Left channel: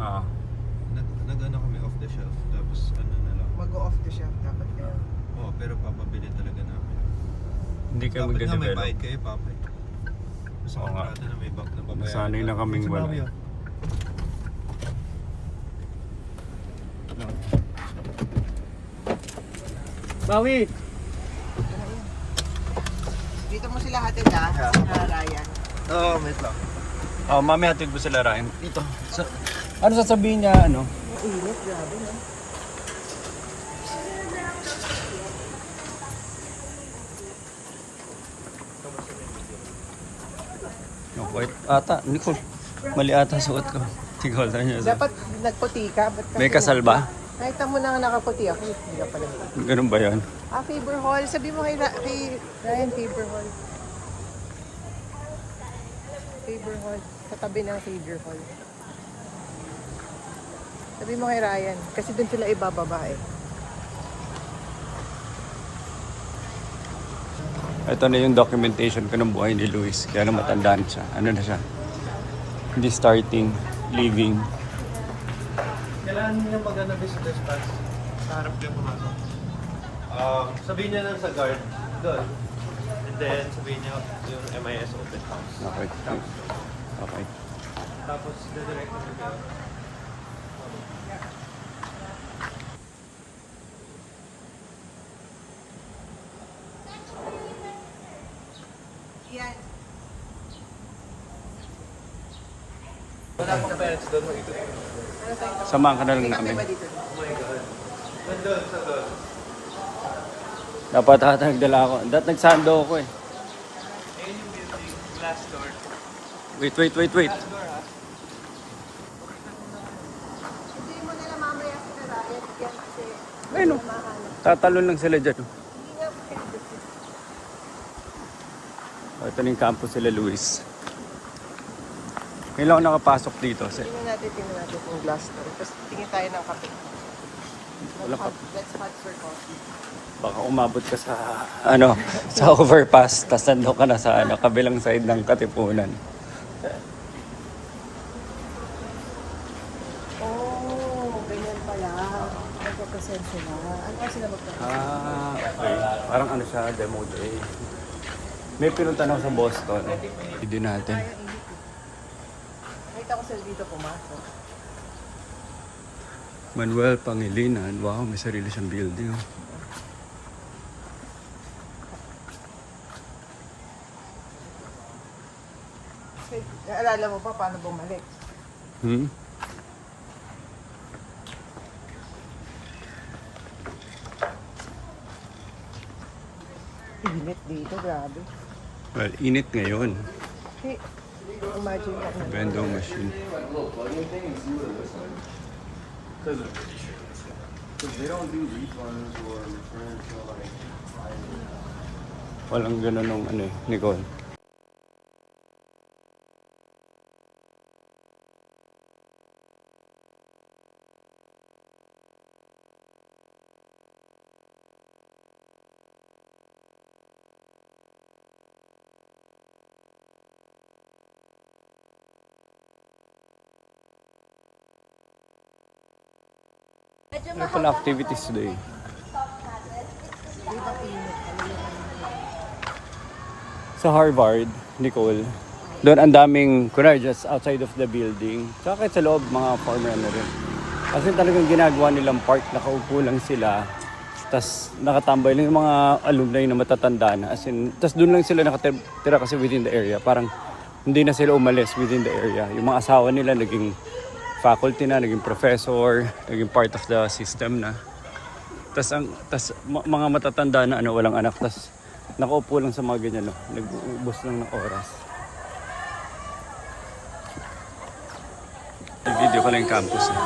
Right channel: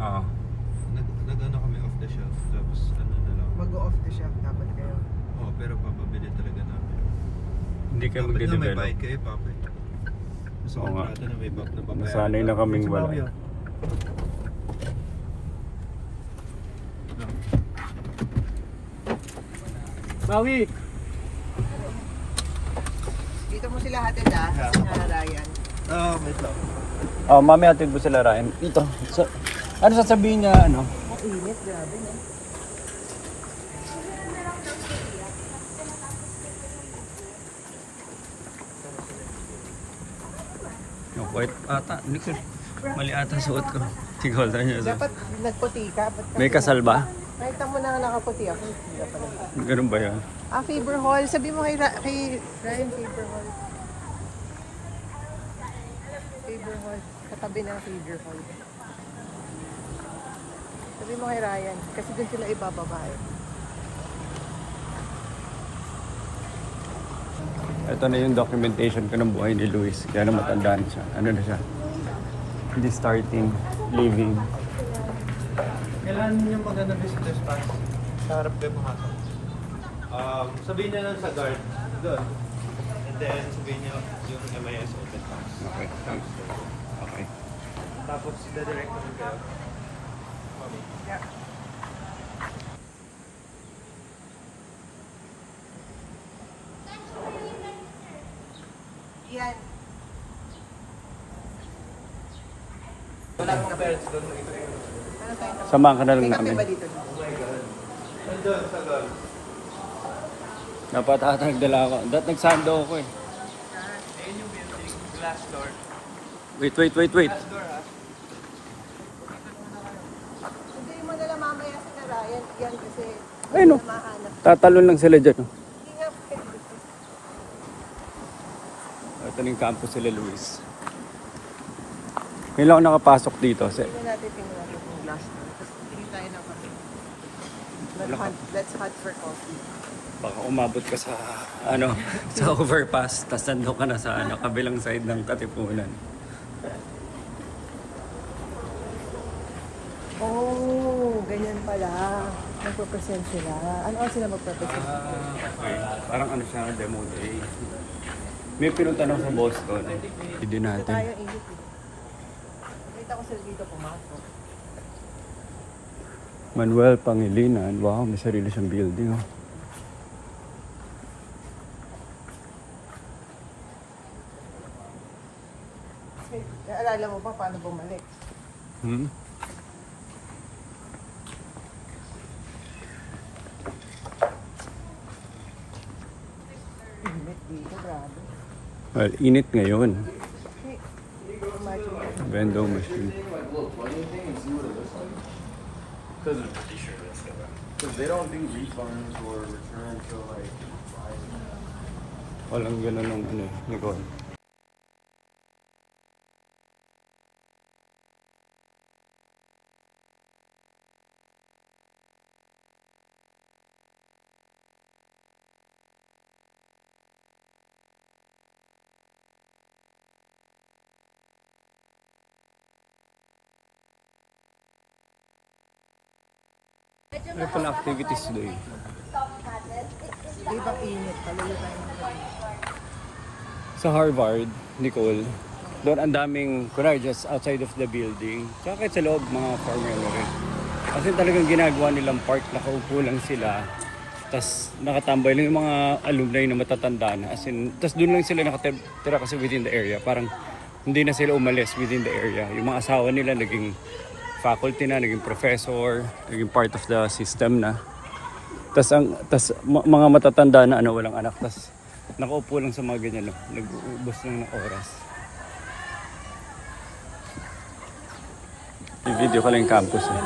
Oo. Nag-ano kami off the shelf. Tapos ano na lang. Mag-off the shelf dapat kayo. Oo, pero papabili talaga namin. Hindi kayo Dapat nga may magde-develop. bayad kayo, Papa. Gusto Oo ko nga. natin na may babayaran. Nasanay na kaming wala. Bawi! Dito mo sila hatid sa Ryan. Oo, wait lang. Oh, mami, hatid mo sila Ryan. Ito. Ano sasabihin niya, ano? Ang init, grabe na. No, white ata. Hindi ko. Mali ata suot ko. Tigol na niya. Dapat nagputi ka. May kasal ba? Nakita mo na nakaputi ako. Hindi pa naman. Ganun ba yun? Ang favor hall. Sabi mo kay Ryan, favor hall. Favor hall. Katabi ng favor hall. Sabi mo kay Ryan. Kasi doon sila ibababa eh. Ito na yung documentation ko ng buhay ni Luis. Kaya na matandaan siya. Ano na siya? Hindi starting, living. Kailangan niyo maganda business pass sa harap ng mga sabihin niyo lang sa guard doon. And then sabihin niyo yung may SOP pass. Okay. Okay. Tapos direct na kayo. Yan. Wala pang parents doon, ito. Samahan ka na lang namin. Oh my God. Nandun sa doon. Dapat ata nagdala ako. Dapat nagsando ako eh. Ayun yung building, glass door. Wait. Glass door ha. Hindi mo nila mamaya sa Ryan. Yan kasi Ayun o. Tatalon lang sila dyan. Oh. Ito na yung campus sila Luis. Ngayon lang ako nakapasok dito. tingnan natin yung glass door. Tapos tingin tayo ng kape. Let's mat for coffee. Baka umabot ka sa sa overpass, tas nandun ka na sa kabilang side ng Katipunan. Oh, ganyan pala. Magpapresent sila. Ano sila magpapresent? Okay. Parang siya, demo day. May pinunta na ako sa Boston. Hindi natin. Nakita ko sila dito pumasok. Manuel Pangilinan. Wow, may sarili siyang building. Oh. Naalala mo ba paano bumalik? Init dito, grabe. Well, init ngayon. Hey, imagine yan. Vending machine. Walang ganun nung Nicole. Ano pala activities today? Ibang init. Sa Harvard, Nicole, doon ang daming, kunwari just outside of the building. Tsaka kahit sa loob, mga farmer na rin. Kasi talagang ginagawa nilang park, nakaupo lang sila. Tapos nakatambay lang yung mga alumni na matatanda na. As in, tapos doon lang sila nakatira kasi within the area. Parang hindi na sila umalis within the area. Yung mga asawa nila naging faculty na, naging professor, naging part of the system na. Tapos mga matatanda na walang anak. Tapos nakaupo lang sa mga ganyan, nag-uubos lang ng oras. I-video ko lang yung campus eh.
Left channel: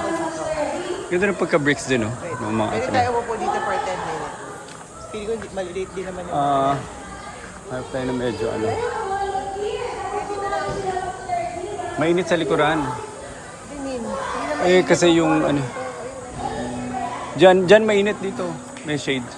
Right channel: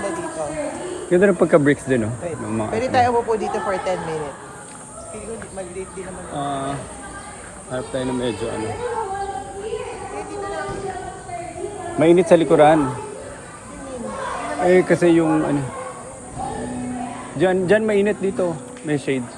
Ganda ng pagka-bricks din ng mga Pwede tayo upo dito for 10 minutes. Pili ko mag-late din naman yung harap tayo na medyo mainit sa likuran. Eh kasi yung Diyan mainit dito. May shade.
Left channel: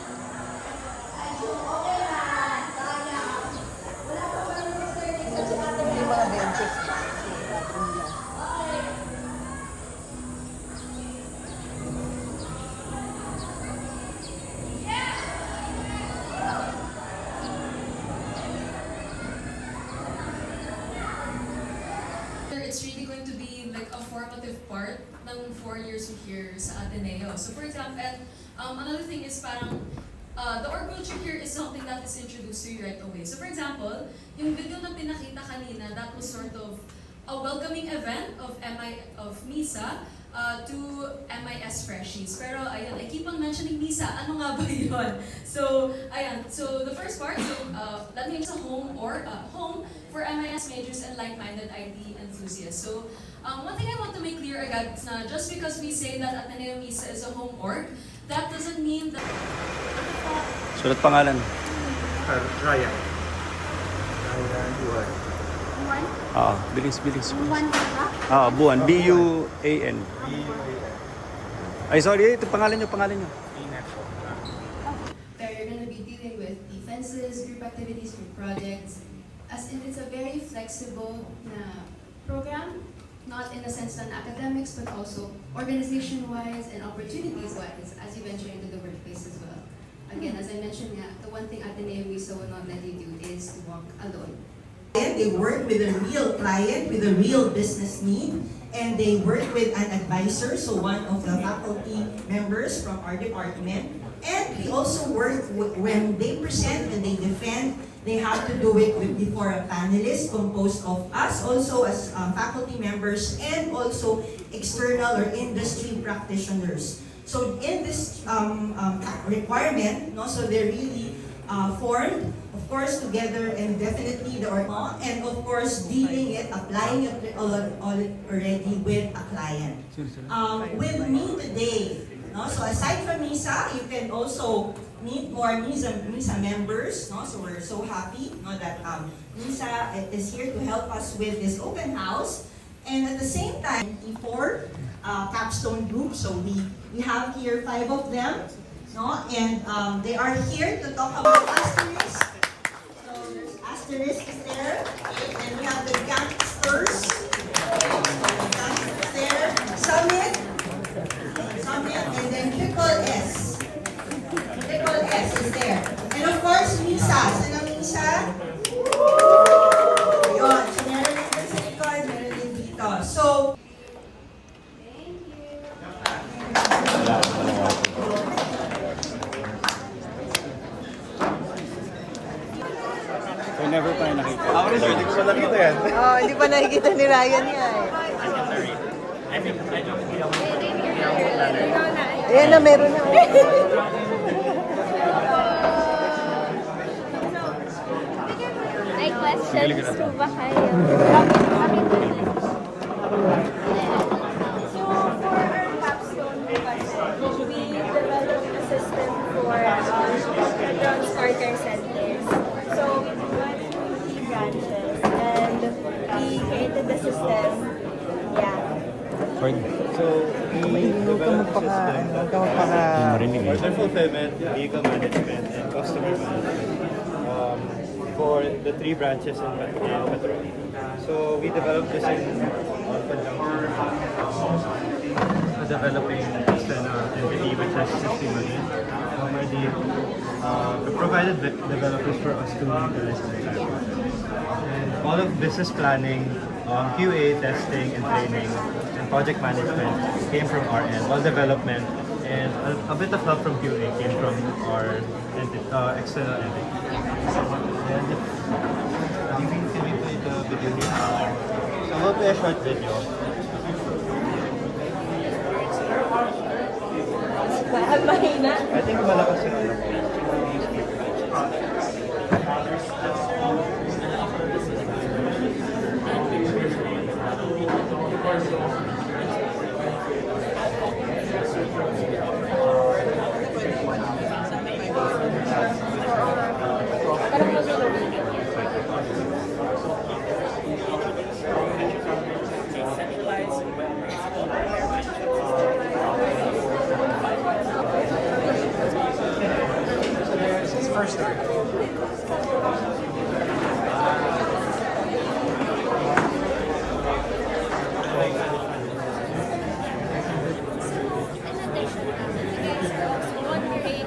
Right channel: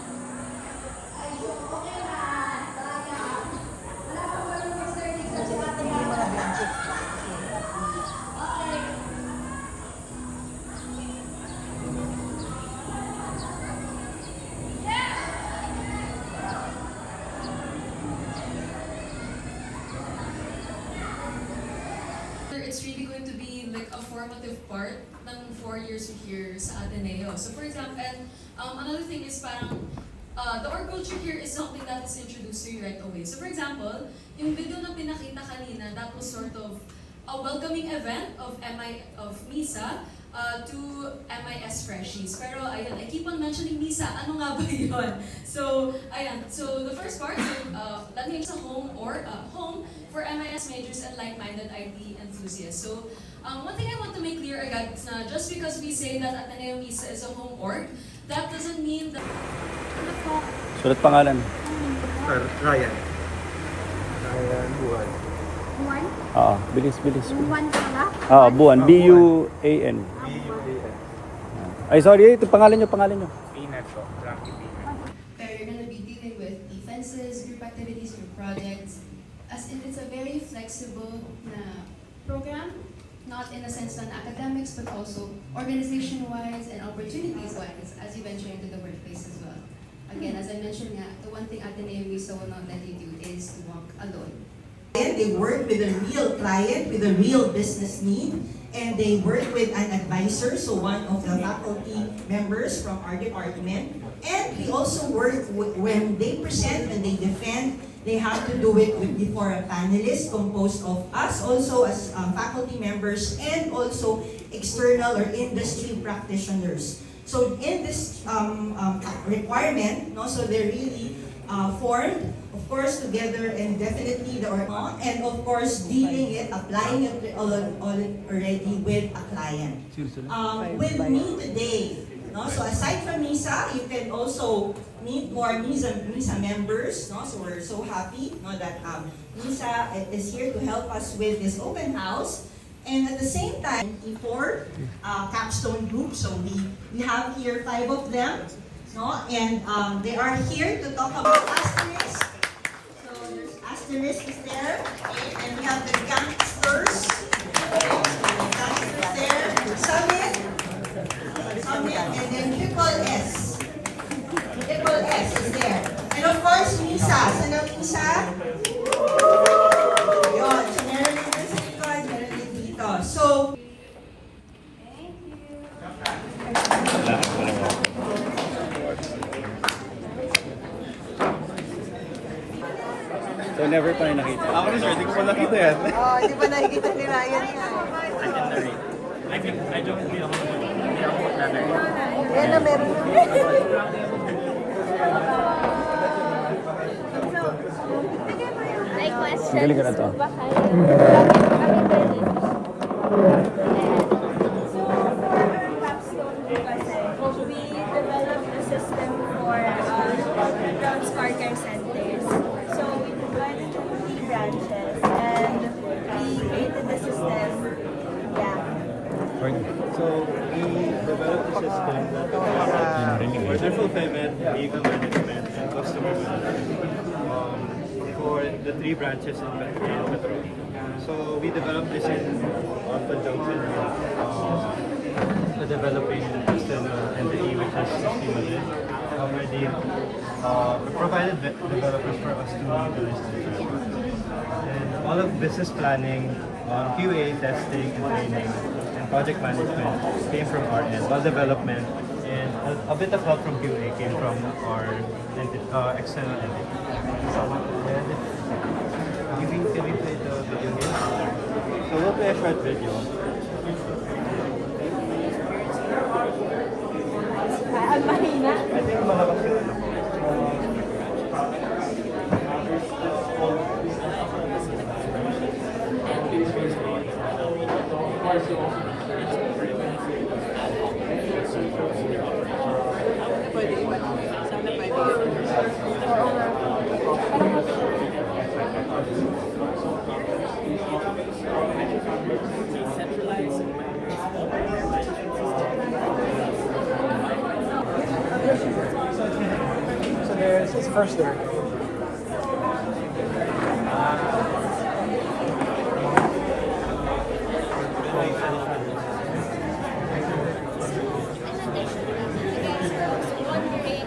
formative part ng 4 years here sa Ateneo. So for example, and another thing is parang the org culture here is something that is introduced to you right away. So for example, yung video na pinakita kanina, that was sort of a welcoming event of MISA to MIS Freshies. Pero ayun, I keep on mentioning MISA, ano nga ba yun? So, ayan, so the first part, so, that means a home or home for MIS majors and like-minded IT enthusiasts. So, one thing I want to make clear agad is na just because we say that Ateneo MISA is a home org, that doesn't mean that... Sulat pangalan. Ryan. Ryan Buwan. Bilis. Buwan pala? Buwan. B-U-A-N. Ay, sorry. Ito pangalan nyo. Where you're going to be dealing with defenses, group activities, group projects. As in, it's a very flexible program, not in a sense on academics, but also organization-wise and opportunities-wise as you venture into the workplace as well. Again, as I mentioned, the one thing Ateneo MISA will not let you do is to walk alone. They work with a real client, with a real business need, and they work with an advisor, so one of the faculty members from our department. And we also work when they present and they defend, they have to do it before a panelist composed of us also as faculty members and also external or industry practitioners. So in this requirement, so they're really formed, of course, together and definitely and of course dealing it, applying it already with a client. With me today, so aside from MISA, you can also meet more MISA members. So we're so happy that MISA is here to help us with this open house. And at the same time, for Capstone group, so we have here 5 of them. And they are here to talk about asterisk. So there's asterisk is there, and we have the gangsters. There, summit, and then triple S. Triple S is there, and of course MISA. Saan ang MISA? Yun. So meron din sa likod, meron din dito. So. So, never pa kayo nakita. Ako rin sir, hindi ko pa nakita yan. Hindi pa nakikita ni Ryan yan. Ayan na, meron na. Ang galing ka na to. We developed a system for transporter centers. So we went to 3 branches and we created the system. Yeah. So, we developed a system that can order fulfillment, vehicle management, and customer management for the 3 branches in Petro. So, we developed this in conjunction with developing an external entity which has already provided developers for us to utilize the channel. And all of business planning, QA, testing, and training, and project management came from our end. All development and a bit of help from QA came from our external entity. And can we play the video here? So we'll play a short video. I think malakas sila. First story.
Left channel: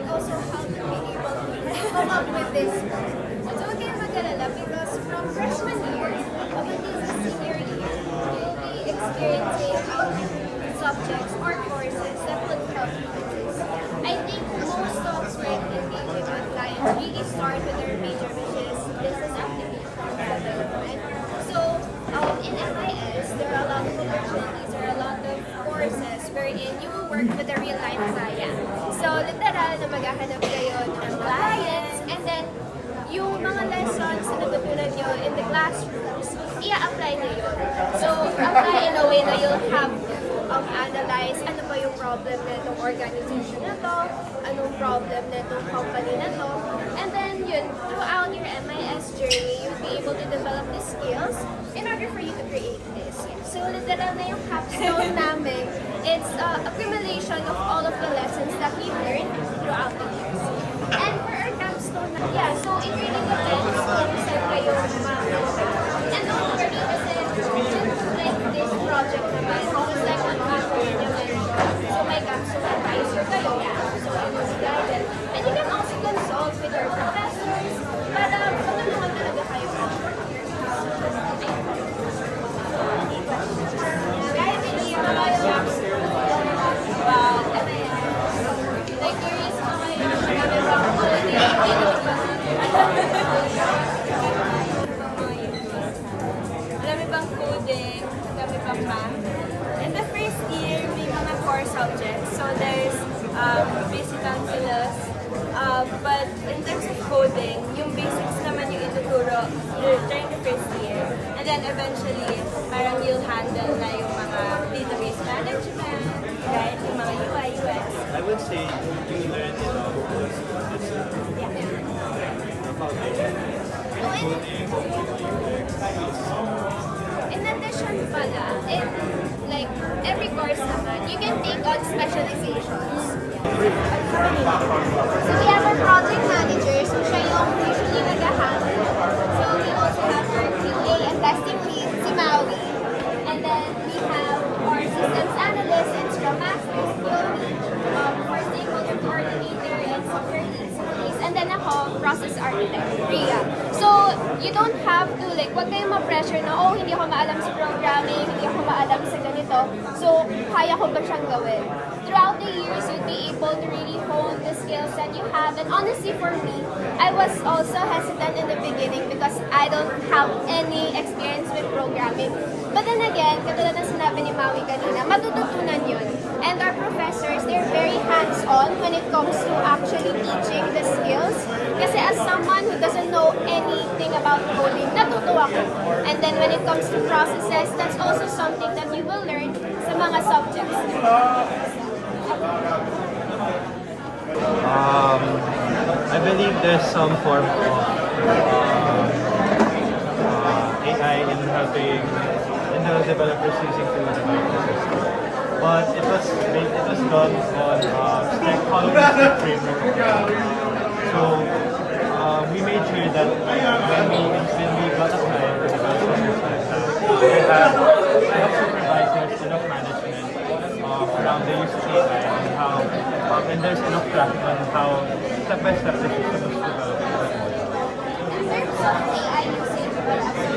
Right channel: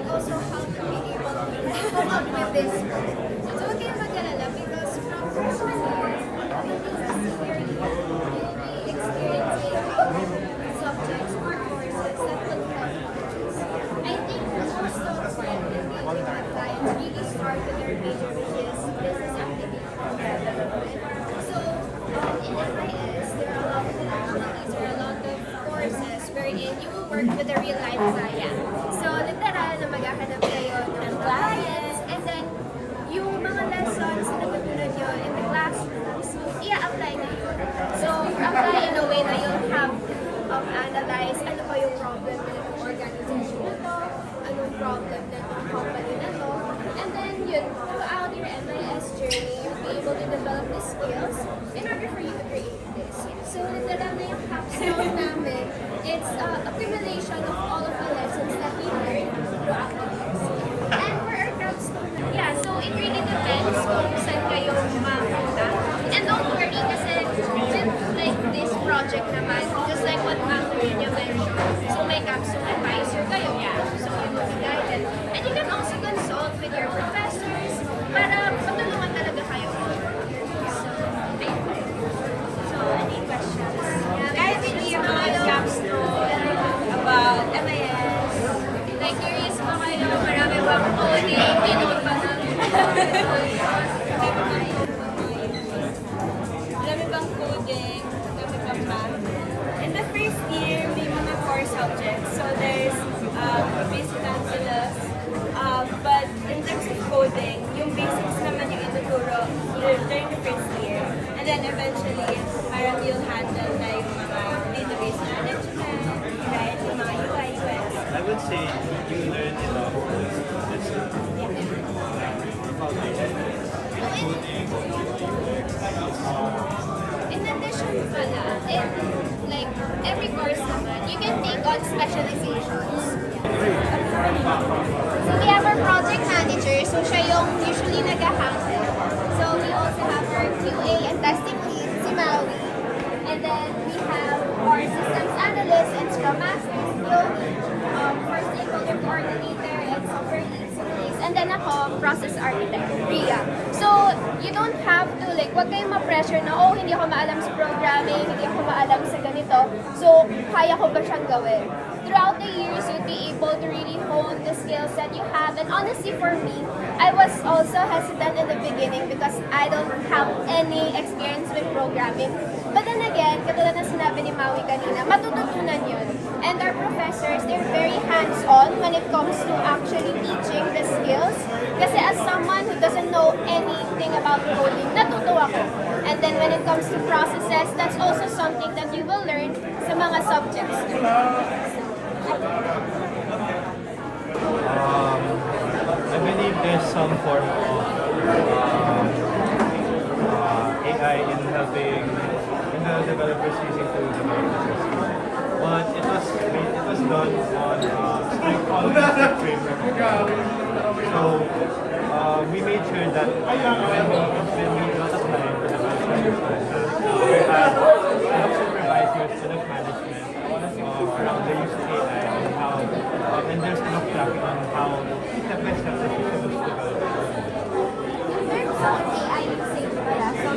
Also how to be able to come up with this. So huwag kayong mag-alala because from freshman year up until senior year, you'll be experiencing how subjects or courses that would help others. I think most of my engagement with clients really start with their major, which is business application. So in MIS, there are a lot of opportunities, there are a lot of courses wherein you will work with a real-life client. So literal na maghahanap kayo ng clients, and then yung mga lessons na natutunan nyo in the classrooms, i-apply nyo yun. So, apply in a way na you'll have to analyze ano ba yung problem na itong organization na to, anong problem na itong company na to, and then yun, throughout your MIS journey, you'll be able to develop the skills in order for you to create this. So, literal na yung capstone namin, it's accumulation of all of the lessons that we learned throughout the years. And for our capstone, yeah, so it really depends kung saan kayo makuha. And don't worry, kasi just like this project naman, just like what happened in so may capstone advisor kayo, so you will be guided. And you can also consult with your professors para matulungan talaga kayo. I really about capstone, about MIS. Like, curious pa kayo, marami bang coding, Marami bang coding, marami bang math. In the first year, may mga core subjects. So there's basic calculus. But in terms of coding, yung basics naman yung ituturo during the first year. And then eventually, parang you'll handle na yung mga database management, right? Yung mga UI, UX. I would say you learn enough just the foundation. Coding, in addition pala, like every course naman, you can take on specializations. So we have our project manager, so siya yung usually nag-handle. So we also have our QA and testing lead, si Maui. And then we have our systems analyst and Scrum Master, si Yoni, for stakeholder coordinator and software lead, si Denise. And then ako, process architect, Ria. So you don't have to, like, wag kayong ma-pressure na, oh, hindi ako maalam sa programming, hindi ako maalam sa ganito. So, kaya ko ba siyang gawin? Throughout the years, you'll be able to really hone the skills that you have. And honestly, for me, I was also hesitant in the beginning because I don't have any experience with programming. But then again, katulad ng sinabi ni Maui kanina, matututunan yun. And our professors, they're very hands-on when it comes to actually teaching the skills. Kasi as someone who doesn't know anything about coding, natutuwa ko. And then when it comes to processes, that's also something that you will learn sa mga subjects. I believe there's some form of AI in helping developers using tools in the system. But it was done on following the strict framework. So we made sure that when we got a client, we had enough supervisors, enough management around the use of AI and how, and there's enough tracking on how step by step the system was developed. In terms of AI usage, so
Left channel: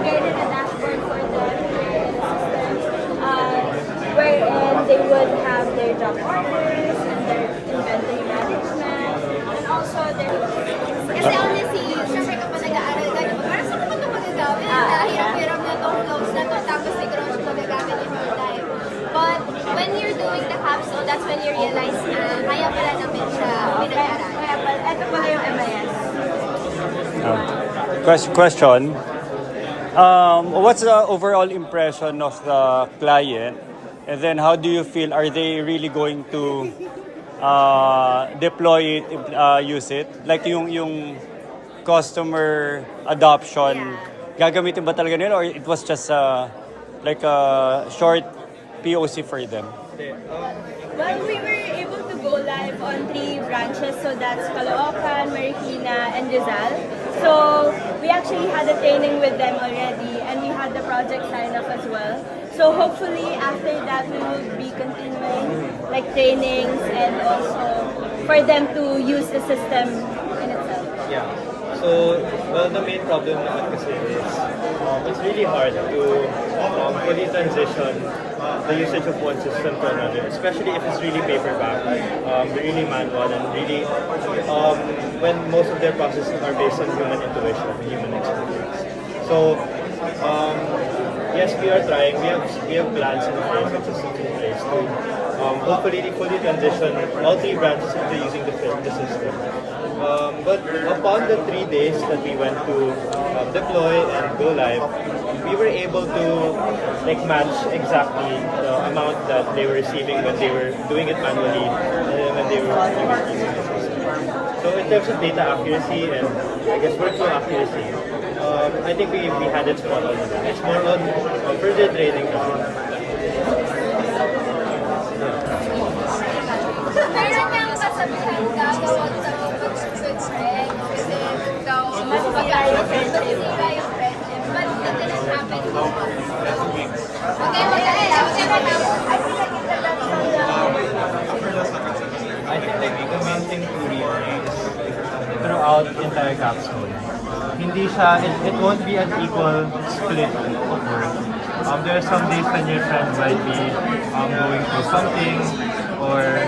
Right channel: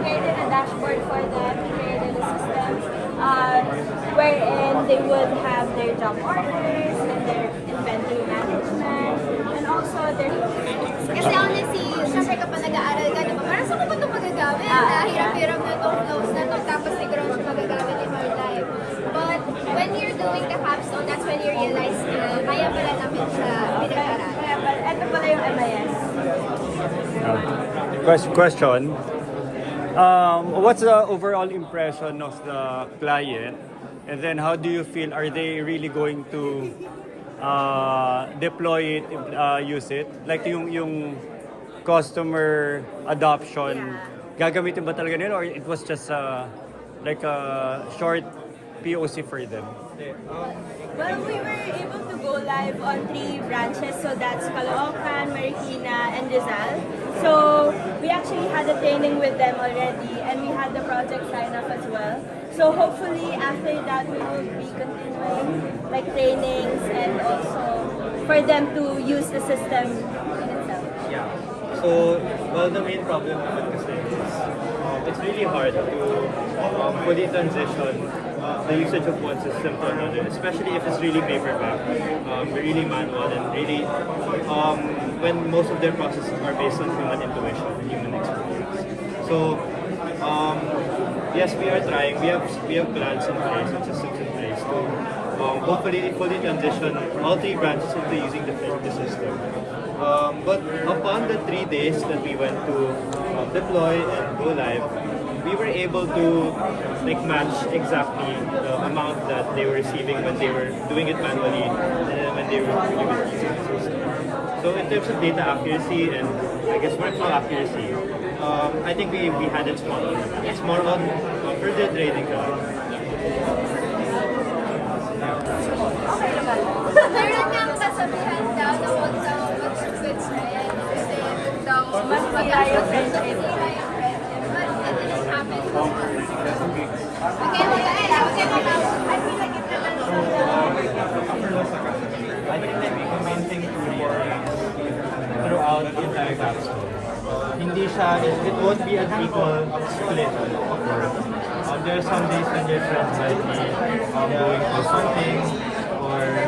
Created a dashboard for them, created a system wherein they would have their job orders and their inventory management and also their... kasi honestly, syempre kapag nag-aaral ka na ba, parang saan ko ba ito magagamit? Hirap-hirap na itong flows na to, tapos siguro siya magagamit in real life. But when you're doing the capstone, that's when you realize na kaya pala namin siya pinag-aral. Ito pala yung MIS. Question. What's the overall impression of the client? And then how do you feel? Are they really going to deploy it, use it? Like yung customer adoption, gagamitin ba talaga nila or it was just like a short POC for them? Well, we were able to go live on 3 branches, so that's Caloocan, Marikina, and Rizal. So we actually had a training with them already, and we had the project signed up as well. So hopefully after that we will be continuing like trainings and also for them to use the system in itself. Yeah. So, well, the main problem with this is it's really hard to fully transition the usage of one system to another, especially if it's really paperback, really manual, and really when most of their processes are based on human intuition and human experience. So yes, we are trying. We have plans in place and systems in place to hopefully fully transition all 3 branches into using the system. But upon the 3 days that we went to deploy and go live, we were able to like match exactly the amount that they were receiving when they were doing it manually and then when they were using the system. So in terms of data accuracy and I guess workflow accuracy, I think we had it spot on with that. It's more on further training. Meron niyang kasabihan daw, tawag mag-switch red. Kasi daw, mas magayon yung friend. But nothing is happening. I think like the main thing to realize throughout entire Capstone, hindi siya, it won't be an equal split of work. There are some days when your friends might be going through something, or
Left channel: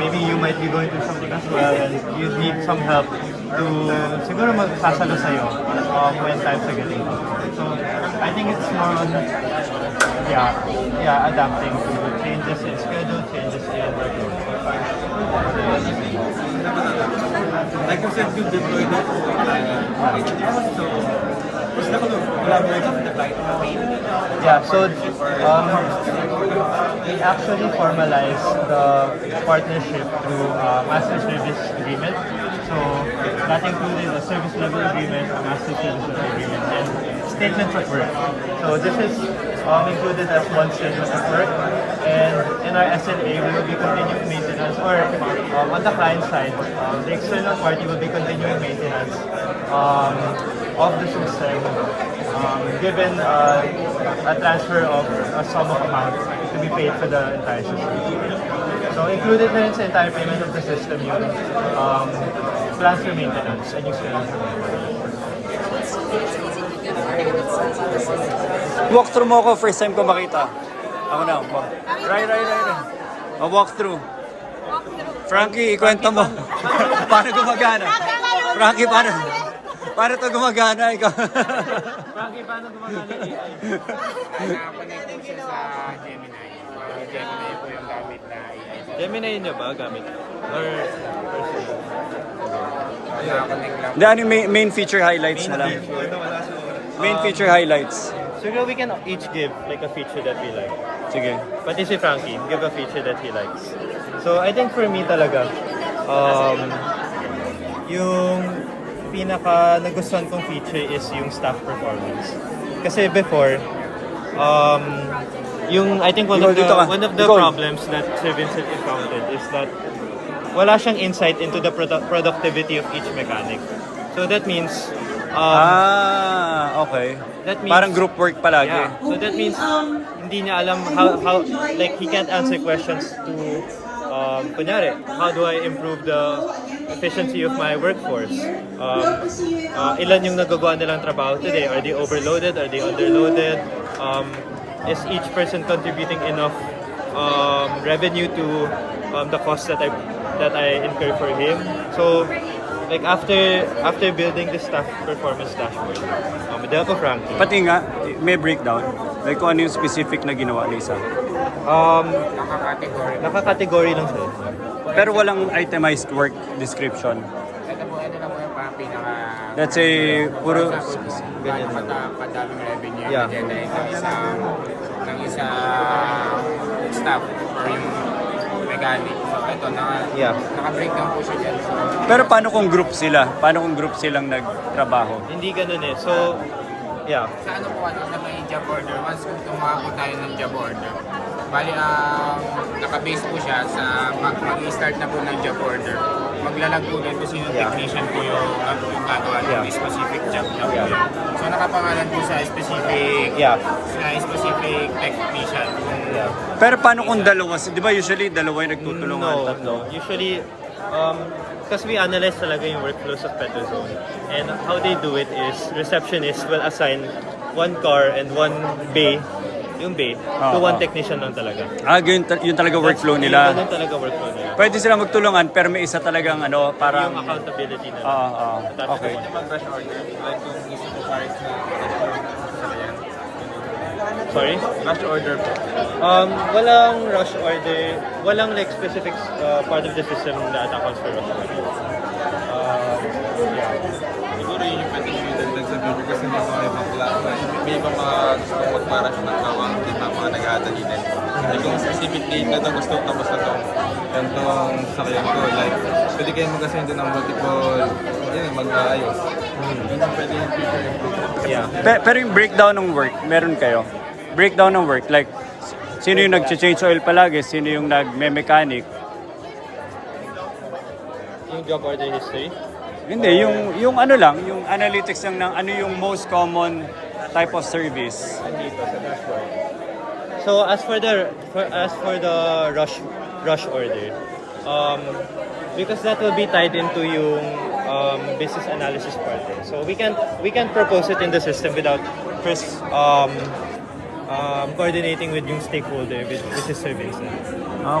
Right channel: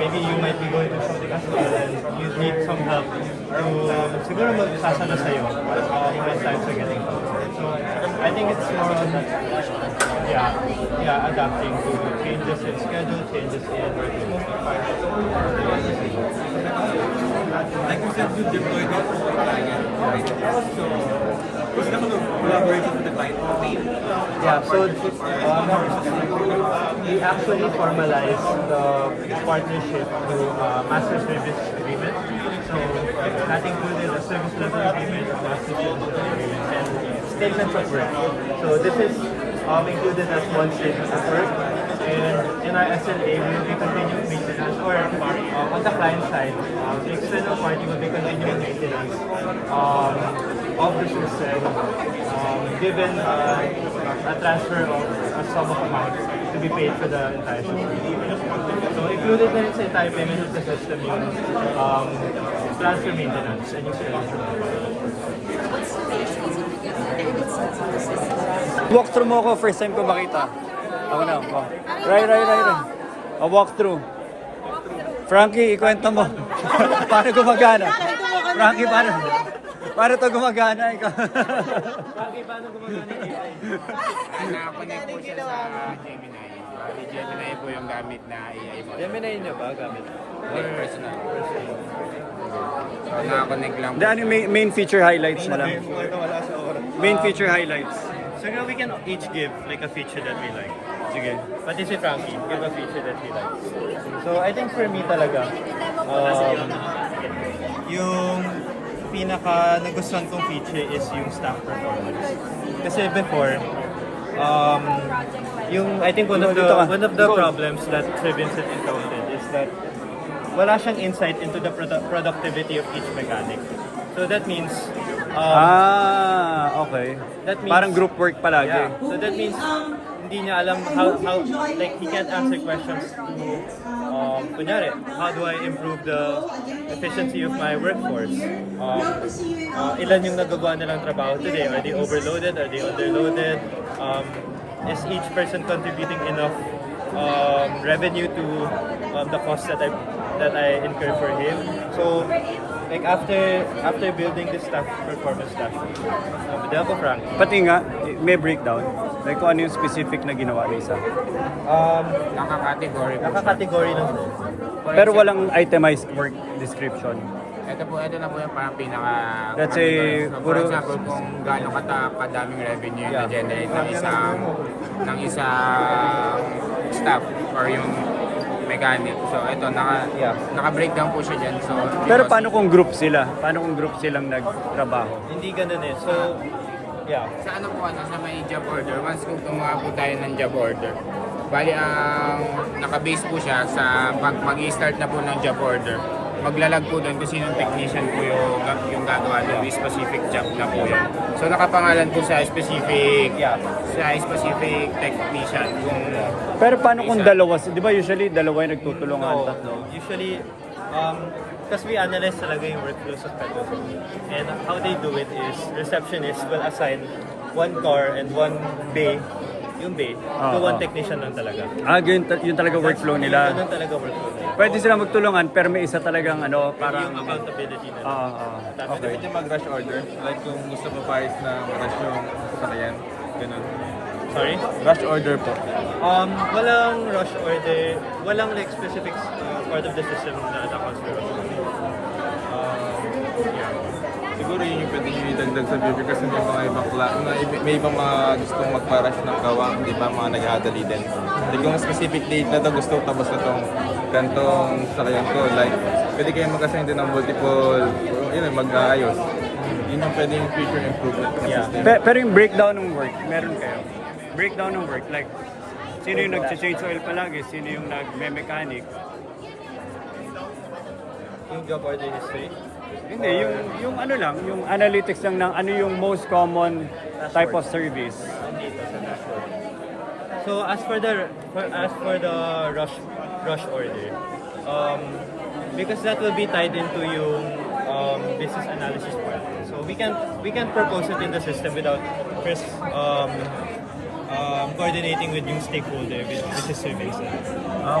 maybe you might be going through something as well, and you need some help to siguro magsasalo sa'yo when times are getting tough. So I think it's more on adapting to changes in schedule, changes in workload. Like you said, you deployed it for client. So, was that a collaboration with the client? Yeah, so we actually formalized the partnership through master service agreement. So that included a service level agreement, a master service level agreement, and statements of work. So this is included as one statement of work. And in our SLA, we will be continuing maintenance, or on the client side, the external party will be continuing maintenance of the system, given a transfer of a sum of amount to be paid for the entire system. So included na yun sa entire payment of the system yung plans for maintenance and useful Walk through mo ako, first time ko makita. Ako na, walk. Right. Walk through. Frankie, ikwento mo. Paano gumagana? Frankie, paano to gumagana? Ikaw. Frankie, paano gumagana AI? Nakakonect po siya sa Gemini. Bali, Gemini po yung gamit na AI. Gemini nyo ba gamit? Or Nakakonect lang. Ano yung main feature highlights na lang? Main feature highlights. So we can each give like a feature that we like. Sige. Pati si Frankie, give a feature that he likes. So I think for me talaga, yung pinaka nagustuhan kong feature is yung staff performance. Kasi before, I think one of the problems that Sir Vincent encountered is that wala siyang insight into the productivity of each mechanic. So that means okay. that means Parang group work palagi. Yeah. So that means hindi niya alam how like he can't answer questions to kunyari, how do I improve the efficiency of my workforce? Ilan yung nagagawa nilang trabaho today? Are they overloaded? Are they underloaded? Is each person contributing enough revenue to the cost that I incur for him? So like after building the staff performance dashboard, Del ko Frankie. Pati nga, may breakdown. Like kung ano yung specific na ginawa ni isa. Naka-category. Naka-category lang sila. Pero walang itemized work description. Ito na po yung parang pinaka... Let's say, puro... Gaano kadaming revenue Yeah. na-generate ng isang staff or yung mechanic. So ito, naka-breakdown po siya dyan. So, Pero paano kung group sila? Paano kung group silang nagtrabaho? Hindi ganun eh. So, yeah. sa ano po sa may job order, once kung gumawa po tayo ng job order, bali naka-base po siya sa mag-i-start na po ng job order. Maglalag po dyan kung sinong technician po yung gagawa ng specific job na po yun. So nakapangalan po sa specific technician. Pero paano kung dalawa? Di ba usually dalawa yung nagtutulungan, tatlo? Usually, because we analyze talaga yung workflows of Petrozone. And how they do it is, receptionists will assign one car and one bay yung bay, Ah, to one ah. technician lang talaga. Yun talaga workflow nila. Ganun talaga workflow nila. Pwede sila magtulungan pero may isa talagang ano, Yung parang... accountability nila. Okay. Pwede mag-rush order. Like kung gusto mo pares na rush yung sasakyan. Ganun. Sorry? Rush order po. Walang rush order, walang like specific part of the system na accounts for rush order. Siguro yun yung pwede yung idagdag sa video kasi may mga ibang may ibang mga gusto mag-rush na gawa, hindi ba mga nag-aadali din. Like kung specific date na ito gusto, tapos na itong gantong sasakyan ko, like pwede kayo mag-assign din ng multiple, yun, mag-ayos. Yun yung pwede yung future improvement. Yeah. Pero yung breakdown ng work, meron kayo? Breakdown ng work, like sino yung nag-change oil palagi, sino yung nag-mechanic? Yung job order history. Hindi, yung ano lang, yung analytics lang ng ano yung most common type of service. Dito sa dashboard. So as for the rush order, because that will be tied into yung business analysis part. So we can propose it in the system without first coordinating with yung stakeholder, which is service.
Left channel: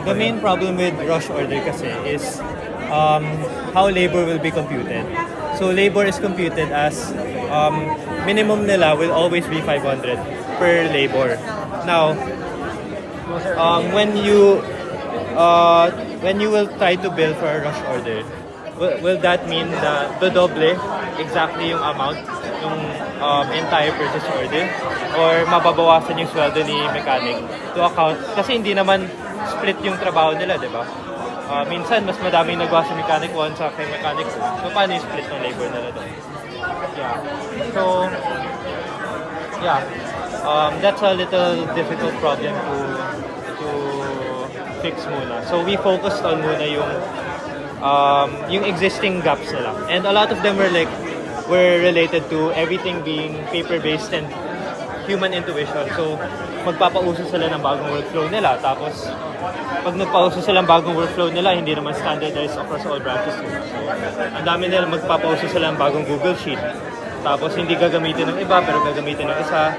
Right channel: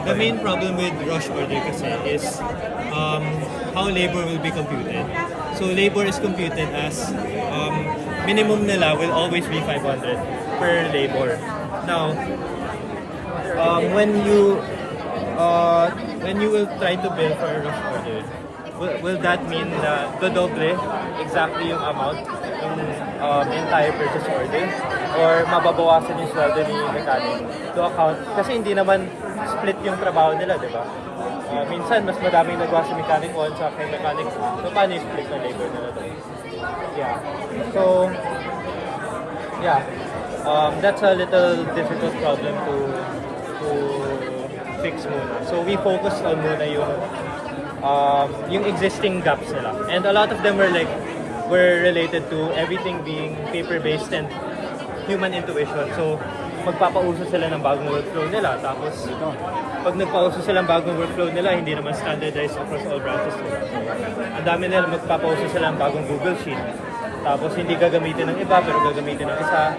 The main problem with rush order kasi is how labor will be computed. So labor is computed as minimum nila will always be 500 per labor. Now, when you will try to bill for a rush order, will that mean na dodoble exactly yung amount yung entire purchase order, or mababawasan yung sweldo ni mechanic to account kasi hindi naman split yung trabaho nila, di ba? Minsan mas madaming nagawa si mechanic 1 sa kay mechanic 2. So paano yung split ng labor nila doon? Yeah. So that's a little difficult problem to fix muna. So we focused on muna yung existing gaps nila. And a lot of them were related to everything being paper-based and human intuition. So magpapauso sila ng bagong workflow nila. Tapos pag nagpauso sila ng bagong workflow nila, hindi naman standardized across all branches nila. So ang dami nila magpapauso sila ng bagong Google Sheet. Tapos hindi gagamitin ng iba, pero gagamitin ng isa.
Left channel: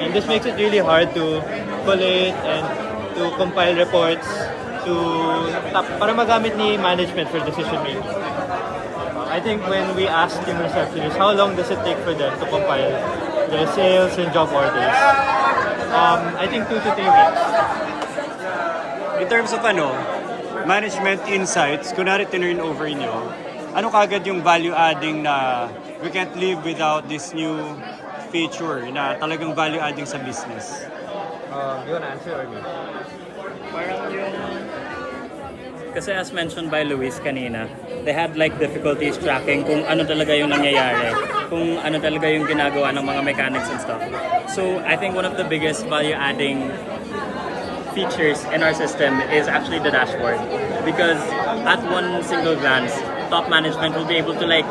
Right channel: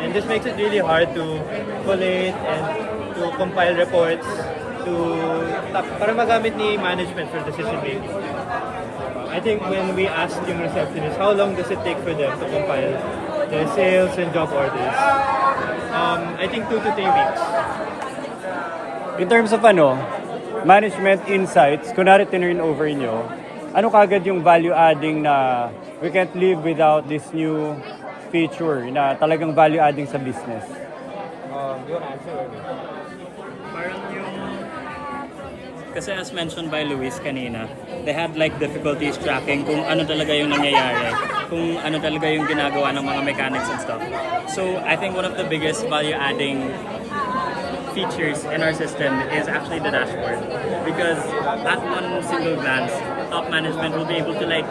And this makes it really hard to collate and to compile reports para magamit ni management for decision making. I think when we asked yung receptionist, how long does it take for them to compile their sales and job orders? I think 2 to 3 weeks. In terms of management insights, kunwari tinurn over nyo, ano kagad yung value adding na we can't live without this new feature na talagang value adding sa business? You wanna answer or me? Parang kasi as mentioned by Luis kanina, they had like difficulties tracking kung ano talaga yung nangyayari, kung ano talaga yung ginagawa ng mga mechanics and stuff. So I think one of the biggest value adding features in our system is actually the dashboard, because at one single glance, top management will be able to like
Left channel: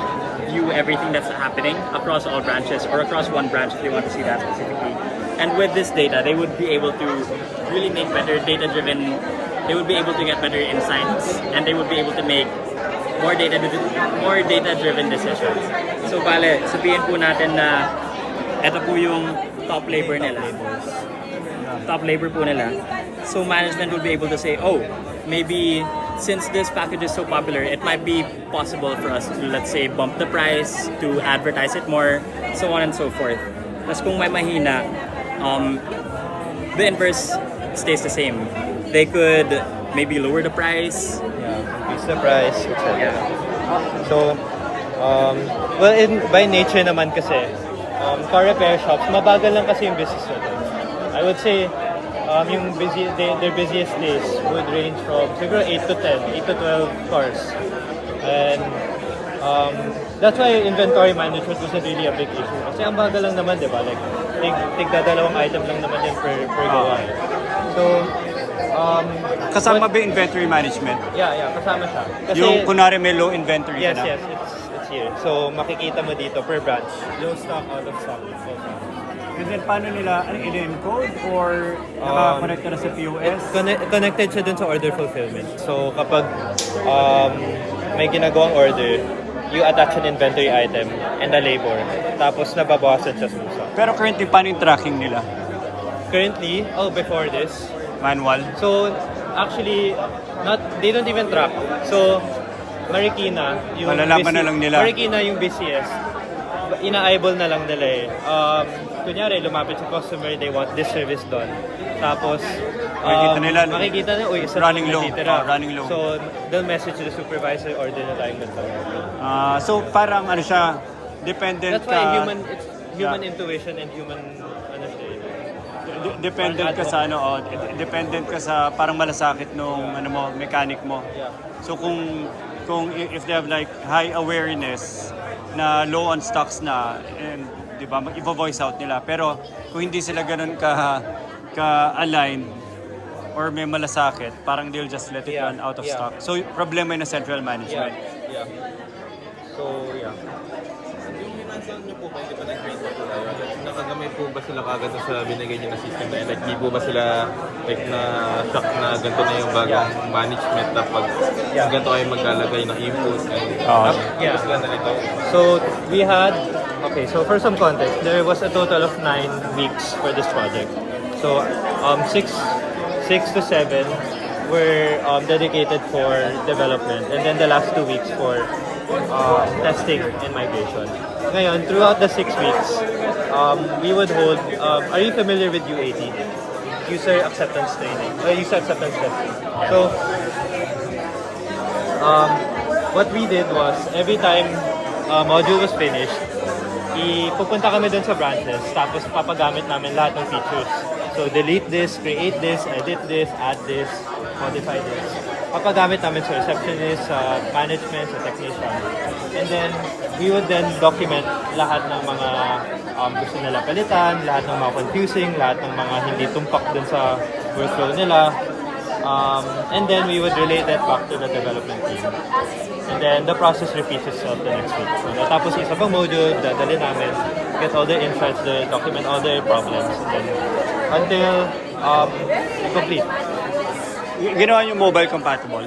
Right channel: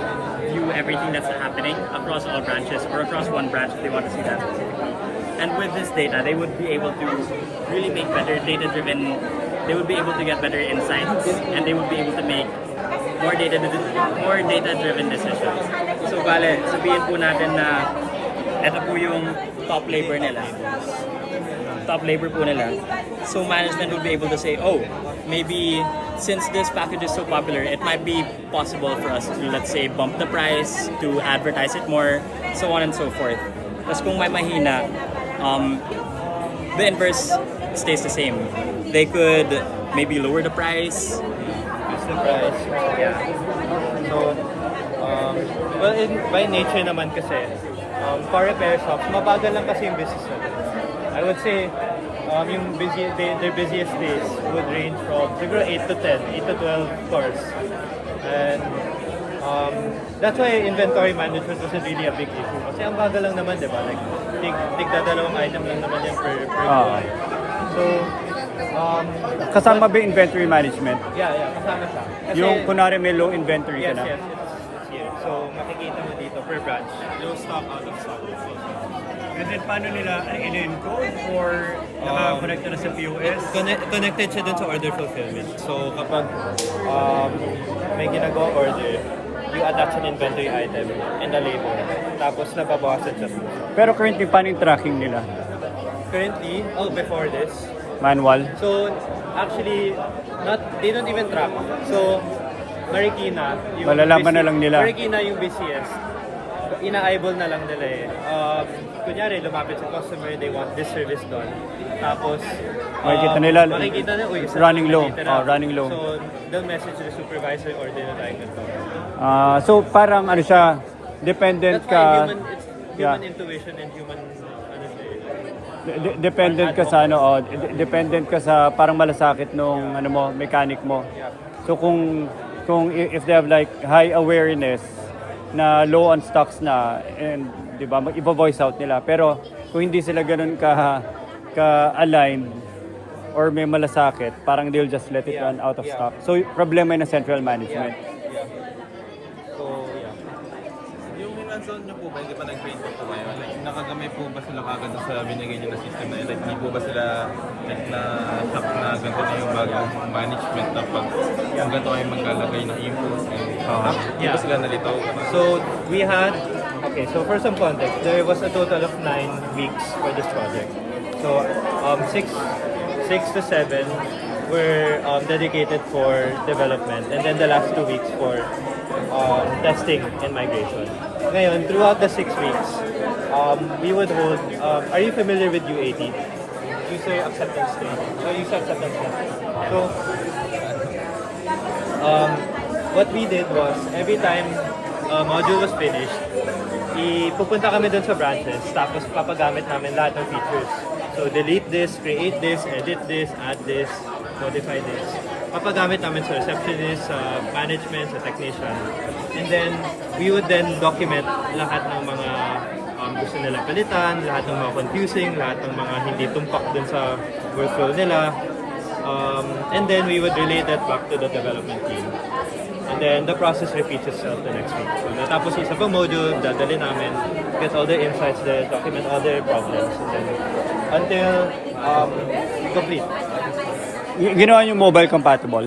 view everything that's happening across all branches or across one branch if they want to see that specifically. And with this data, they would be able to really make better data-driven. They would be able to get better insights, and they would be able to make more data-driven decisions. So bale, sabihin po natin na ito po yung top labor nila. Top labor po nila. So management would be able to say, oh, maybe since this package is so popular, it might be possible for us to, let's say, bump the price, to advertise it more, so on and so forth. Tapos kung may mahina, the inverse stays the same. They could maybe lower the price. Increase the price. Yeah. So, by nature naman kasi, car repair shops, mabagal lang kasi yung business nila. I would say, their busiest days would range from siguro 8 to 10, 8 to 12 cars. And that's why inventory management wasn't really a big issue. Kasi ang bagal lang naman, di ba? Tigdadalawang item lang naman yung per gawa. So, kasama ba yung inventory management? Yeah, kasama siya. Kasi, Yung kunwari may low inventory ka na? Yes, it's here. So, makikita mo dito per branch, low stock, out of stock. And then paano nila in-encode or naka-connect na sa POS? Connected siya dun sa order fulfillment. So, kapag may ginagawang order, you attach an inventory item and a labor. Tapos nababawasan siya sa stock. Pero currently, paano yung tracking nila? currently, before this. Manual. So, actually, they don't even track. So, Marikina, yung Malalaman na lang nila. Marikina yung busiest. Ina-eyeball na lang nila eh. Kunyari, lumapit sa customer, they want this service done. Tapos, Makikita nila, uy, isa running lang low. natitira. Running low. So, they'll message the supervisor or doon na tayo ganito. So parang ano siya, dependent That's why ka. it's human intuition and human, ano siya eh. Dependent ka sa ano, dependent ka sa parang malasakit nung ano mo, mechanic mo. Yeah. So kung if they have like high awareness na low on stocks na, and di ba, i-voice out nila. Pero kung hindi sila ganun ka-aligned or may malasakit, parang they'll just let it run out of stock. So problema yun ng central management. Yeah. So, yeah. Yung hinansan niyo po ba, hindi pa nag-grade pa po kayo? Like, nakagamay po ba sila kagad sa binigay niyo na system na yun? Like, di po ba sila like, na-shock na ganito na yung bagong management na pag ganito kayo maglalagay ng input? Yeah. Sila nalito? So, we had, so for some context, there was a total of 9 weeks for this project. So, 6 to 7 were dedicated for development, and then the last 2 weeks for testing and migration. Ngayon, throughout the 6 weeks, we would hold, are you familiar with UAT? User Acceptance Training. User Acceptance Testing. So, what we did was, every time module was finished, pupunta kami dun sa branches, tapos papagamit namin lahat ng features. So, delete this, create this, edit this, add this, modify this. Papagamit namin sa receptionist, sa management, sa technician. And then, we would then document lahat ng mga gusto nila palitan, lahat ng mga confusing, lahat ng mga hindi tumpak dun sa workflow nila. And then, we would relay that back to the development team. And then, the process repeats itself the next week. So, natapos isa pang module, dadali namin, get all their insights there, document all their problems, and then, until complete. Ginawa yung mobile compatible?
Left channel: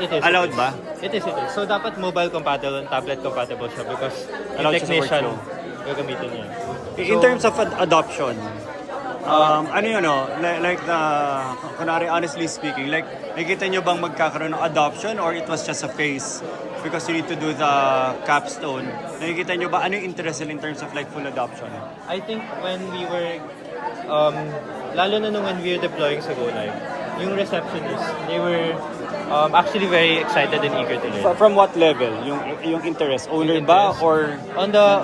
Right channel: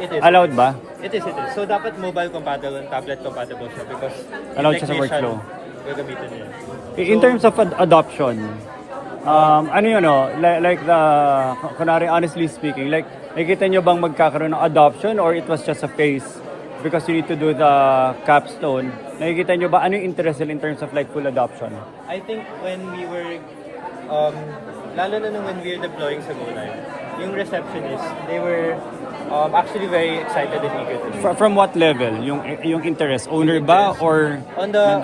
It is. Allowed ba? It is. So, dapat mobile compatible and tablet compatible siya because yung Allowed siya sa technician workflow. gagamitin niya. In terms of adoption, ano yun, like kunwari, honestly speaking, like, nakikita nyo bang magkakaroon ng adoption or it was just a phase because you need to do the capstone? Nakikita nyo ba, ano yung interest in terms of like full adoption? I think when we were, lalo na nung when we were deploying sa Go Live, yung receptionists, they were actually very excited and eager to learn. From what level? Yung interest? Owner ba or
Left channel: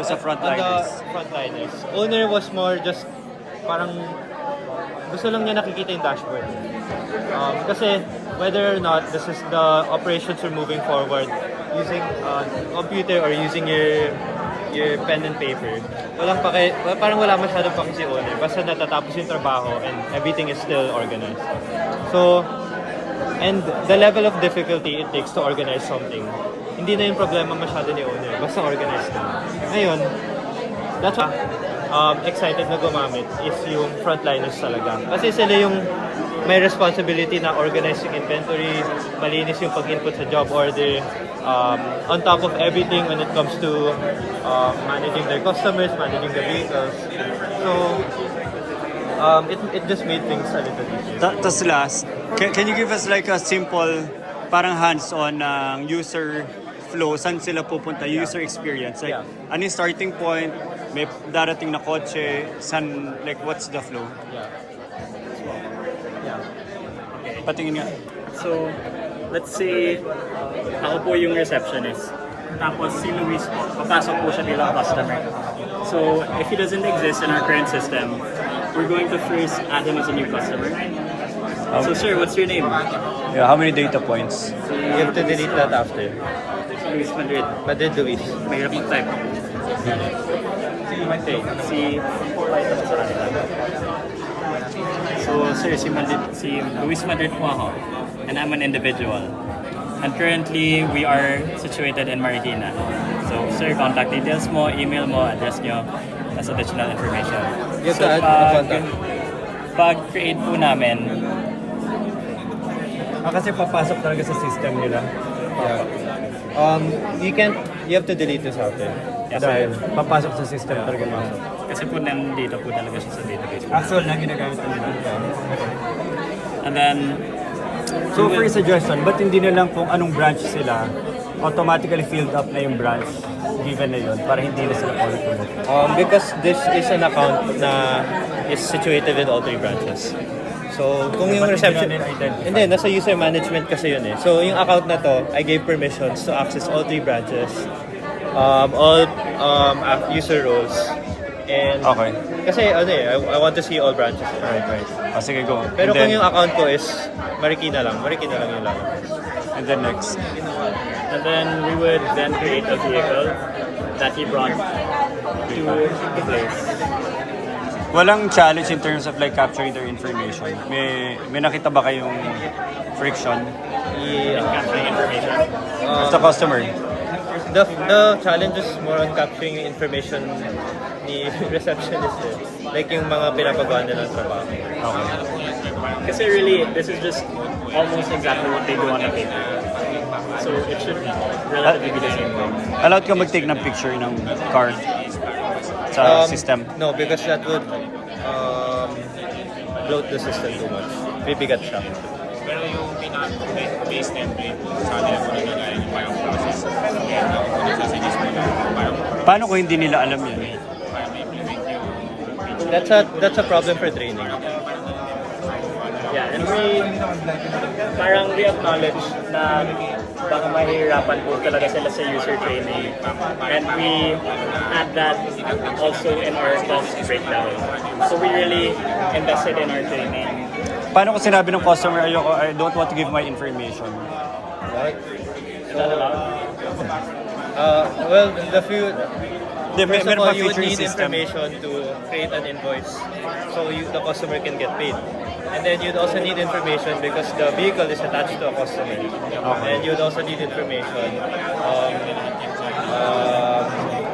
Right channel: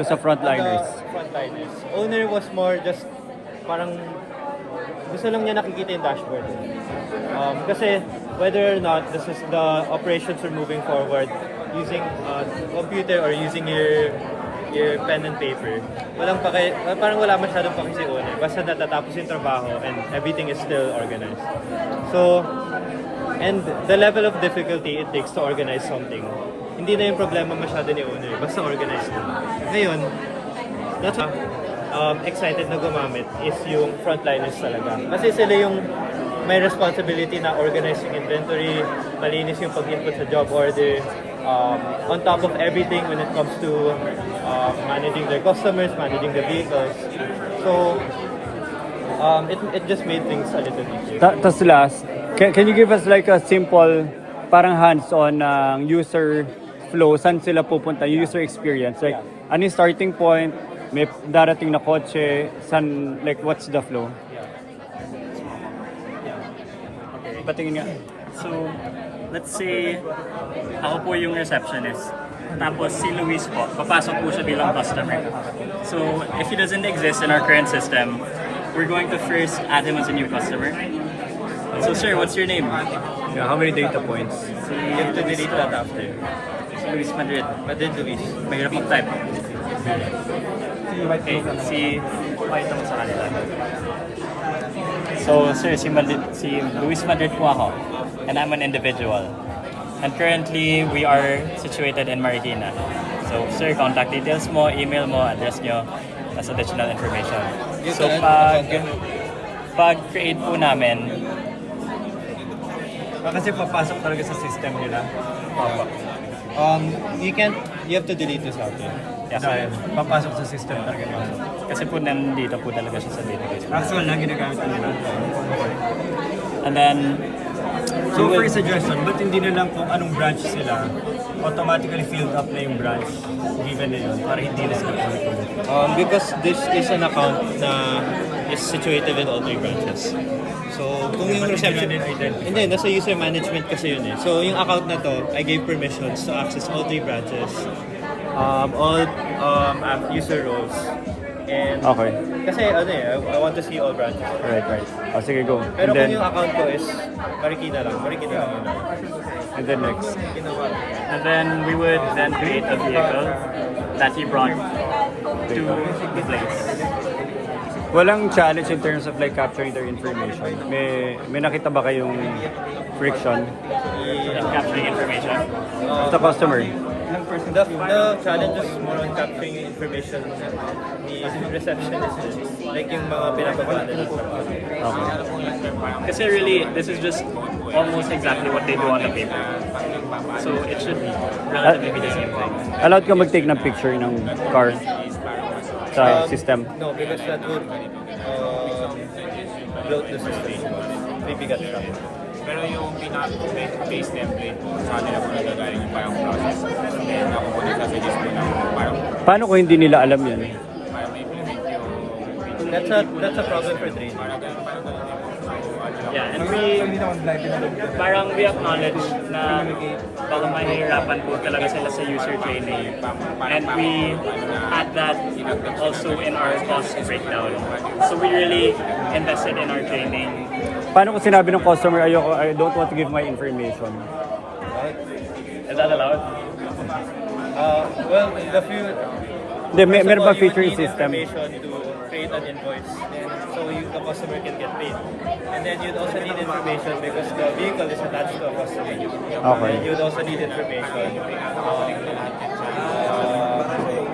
sa frontliners? On the frontliners. Owner was more just parang gusto lang niya nakikita yung dashboard. Kasi whether or not this is the operations are moving forward using computer or using your pen and paper, parang wala masyadong paki si owner. Basta natatapos yung trabaho and everything is still organized. So, and the level of difficulty it takes to organize something, hindi na yung problema masyado ni owner. Basta organized na. Ngayon, that's why excited na gumamit is yung frontliners talaga. Kasi sila yung may responsibility na organize yung inventory, malinis yung pag-input sa job order, on top of everything when it comes to managing their customers, managing the vehicles. So, it just made things a little easier. Tas last, can you give us like a simple, parang hands-on user flow, saan sila pupunta, user experience? Like, ano yung starting point, may darating na kotse, saan, like, what's the flow? Okay. Patingin nga. So, let's say, ako po yung receptionist. Tapos si Luis po, papasok po siya bilang customer. So, if he doesn't exist in our current system, we're going to first add him as a new customer. So, sir, what's your name? Yeah, how many data points? You have to delete that after. Si Luis Madrid. Madrid Luis. May repeat type. Okay, si... So, sir, si Luis Madrid po ako. And I'm an individual. And currently, we are situated in Marikina. So, sir, contact details mo, email mo, address nyo, as additional information. So, pag-create po namin, Kasi papasok talaga sa system nila. You have to delete this after. yes, sir. Papasok sa system talaga. Kasi po nandito po talaga siya sa database. Actual na ginagamit na nila. And then, So for suggestion, ba't hindi na lang kung anong branch sila, automatically filled up na yung branch given na yun para hindi na sila ulit-ulit? Because this is an account na is situated with all 3 branches. So, kung yung Ba't reception... hindi natin identify? Hindi, nasa user management kasi yun eh. So, yung account na to, I gave permissions to access all 3 branches, all user roles, and... Okay. Kasi, I want to see all branches. Right. Sige, go. Pero And then, kung yung account ko is Marikina lang yung lang. and then next. and then we would then create a vehicle that he brought to the place. Walang challenge in terms of like capturing their information. May nakita ba kayong friction And capturing information. of the customer? The challenge is more on capturing information ni receptionist eh. Like yung mga pinapagawa nila sa trabaho. Okay. Kasi really, this is just almost exactly what they do on the paper. So it should be relatively be the same thing. Allowed ka mag-take ng picture ng car sa system? No, because that would bloat the system too much. Bibigat siya. Paano kung hindi nila alam yan? That's a problem for training. Yeah, and we acknowledge na baka mahihirapan po talaga sila sa user training. And we add that also in our cost breakdown. So we really invested in our training. Paano kung sinabi ng customer, I don't want to give my information? Is that allowed? Well, the few... Meron pa you would feature need system. information to create an invoice so the customer can get paid. And then you'd also need information because the vehicle is attached to a customer. Okay. And you'd also need information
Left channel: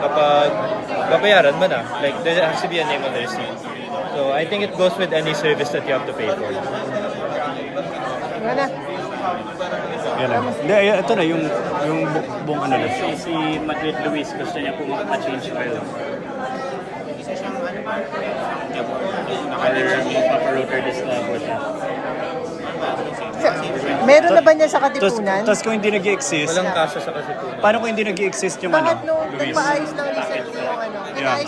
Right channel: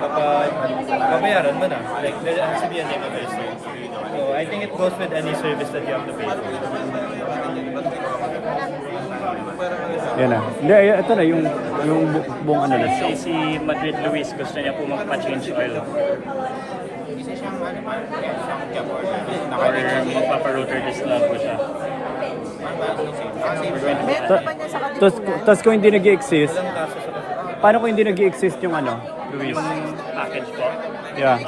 kapag babayaran mo na. Like, there has to be a name of the receipt. So I think it goes with any service that you have to pay for. Yan na. Hindi, ito na yung buong ano na. Say si Madrid Luis gusto niya po magpa-change oil. Or magpapa-rotor disc na po siya. Meron na ba niya sa Katipunan? Tapos kung hindi nag-exist, Walang kaso sa kasipunan. paano kung hindi nag-exist yung ano, Luis? Packet po. Yeah.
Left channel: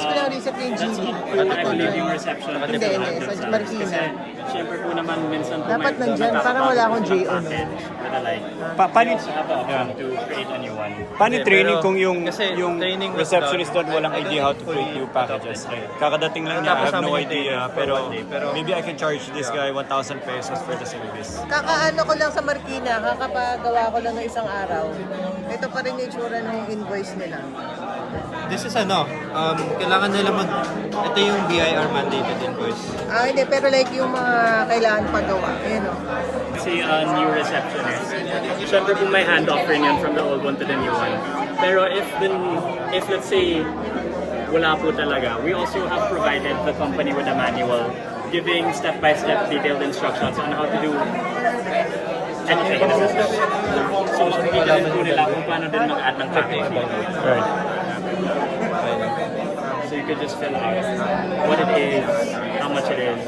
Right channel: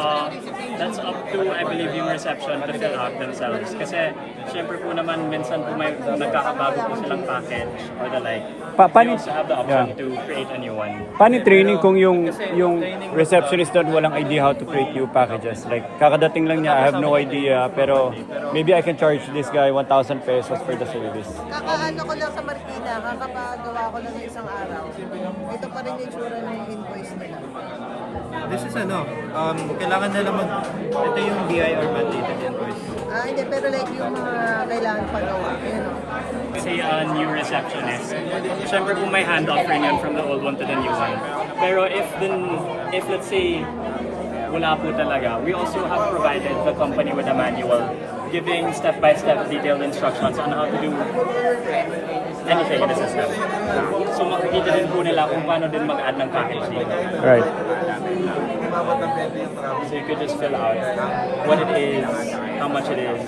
That's up to, I believe, yung reception that they have themselves. Kasi, syempre po naman, minsan po may nagkakabago po silang packet or the like. Paano, You also have the option to create a new one. paano training kung yung training was receptionist doon walang idea how to create new packages? Like, kakadating lang niya, I have no idea, pero maybe I can charge this guy 1,000 pesos for the service. Kakaano ko lang sa Marikina, kakapagawa ko lang ng isang araw. Ito pa rin yung itsura ng invoice nila. This is kailangan nila ito yung BIR mandated invoice. Hindi, pero like yung mga kailangan pagawa. Yun o. Kasi new receptionist, syempre po may handoff rin yan from the old one to the new one. Pero if let's say, wala po talaga, we also have provided the company with a manual giving step-by-step detailed instructions on how to do anything in the system. So makikita rin po nila kung paano din mag-add ng package dito. Right. So you could just fill out what it is, how much it is,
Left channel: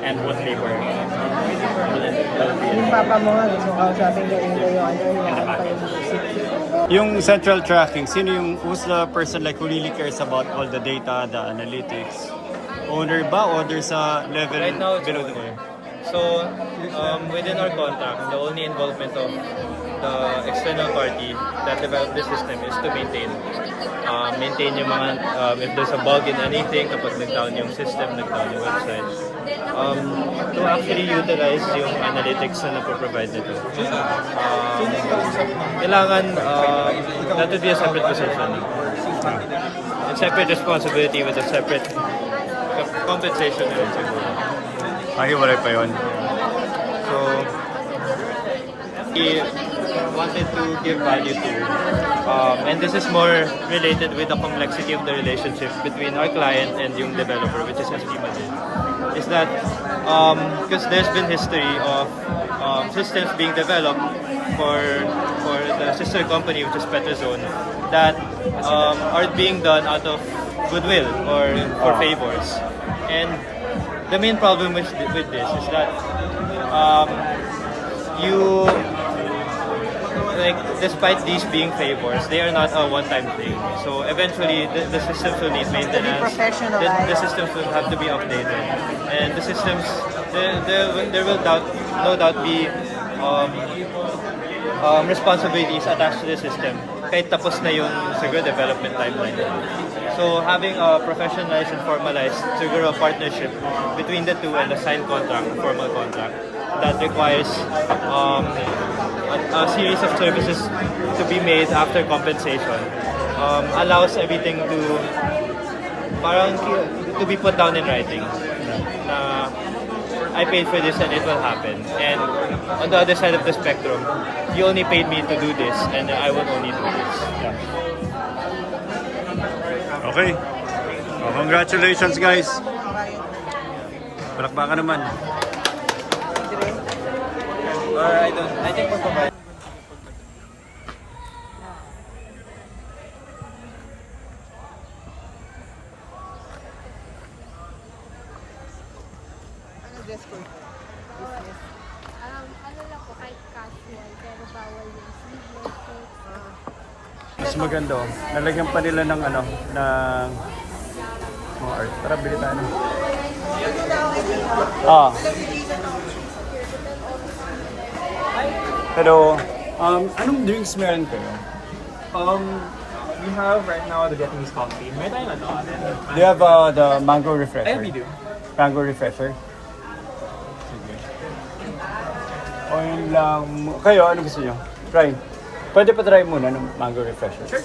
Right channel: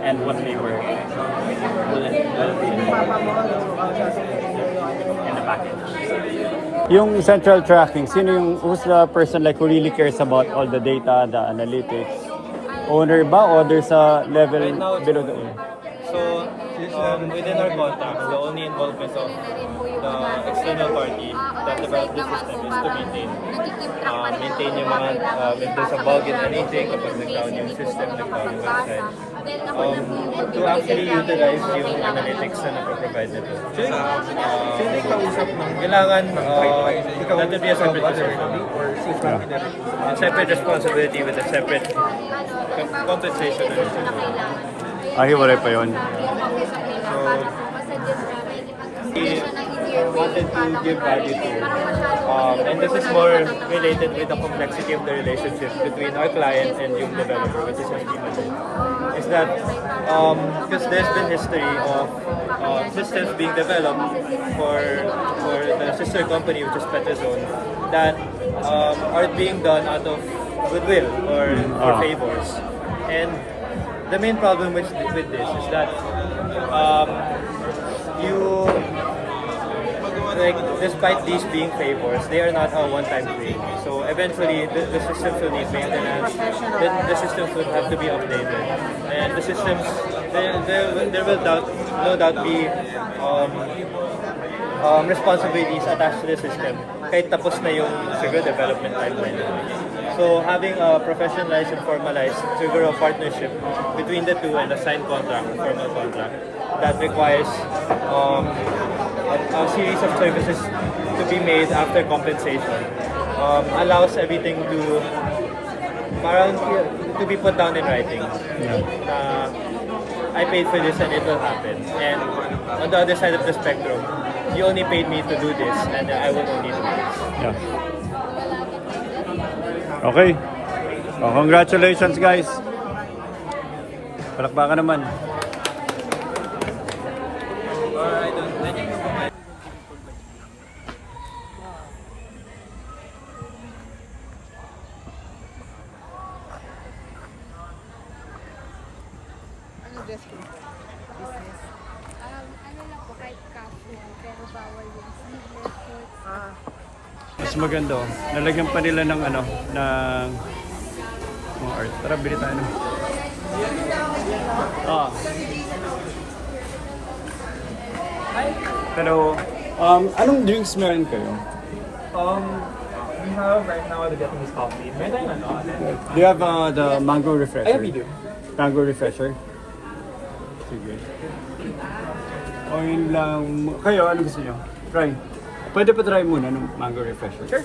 and what labor will be in the package. Yung central tracking, who's the person like who really cares about all the data, the analytics? Owner ba or there's a level Right now, it's below the owner. owner? So, within our contract, the only involvement of the external party that developed the system is to maintain yung mga, if there's a bug in anything, kapag nag-down yung system, nag-down yung website, to actually utilize yung analytics na naproprovide nito. Kailangan, that would be a separate position. A separate responsibility with a separate compensation. Hiwalay pa yun. So, we wanted to give value to, and this is more related with the complexity of the relationship between our client and yung developer, which is Estima. Is that, because there's been history of systems being developed for the sister company, which is Petazone, that are being done out of goodwill or for favors. And the main problem with this is that you like despite these being favors, they are not a one-time thing. So eventually, the systems will need maintenance. The systems will have to be updated, and the systems there will no doubt be responsibilities attached to the system. Kahit tapos na yung siguro development timeline. So having a professionalized and formalized siguro partnership between the two and a signed contract, a formal contract that requires a series of services to be made after compensation allows everything to be put down in writing. I paid for this and it will happen. And on the other side of the spectrum, you only paid me to do this and I will only do this. Okay. Oh, congratulations guys. Palakpakan naman. Alright, I think magpapalagay. Ano lang po, kahit casual, pero bawal yung sleeveless suits. Mas maganda oh. Nalagyan pa nila ng ano, ng mga art. Tara, bili tayo na. Hello. Anong drinks meron kayo? We have right now the Vietnamese coffee. May tayo ano? Do you have the mango refresher? Ay, we do. Mango refresher? Sige. O yun lang. Kayo, ano gusto nyo? Try. Pwede pa try muna ng mango refresher. Sure.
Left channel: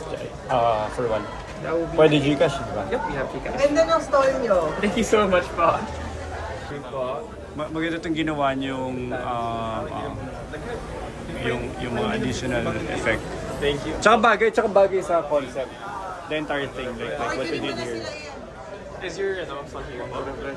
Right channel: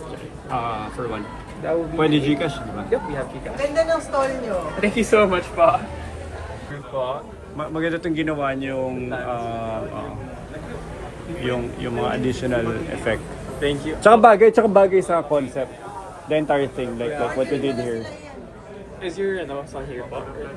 For one. Pwede Gcash, di ba? Yep, we have Gcash. Ganda ng stall nyo. Thank you so much po. Maganda itong ginawa yung mga additional effect. Thank you. Tsaka bagay sa concept. The entire thing, like what we did here. Is your song here?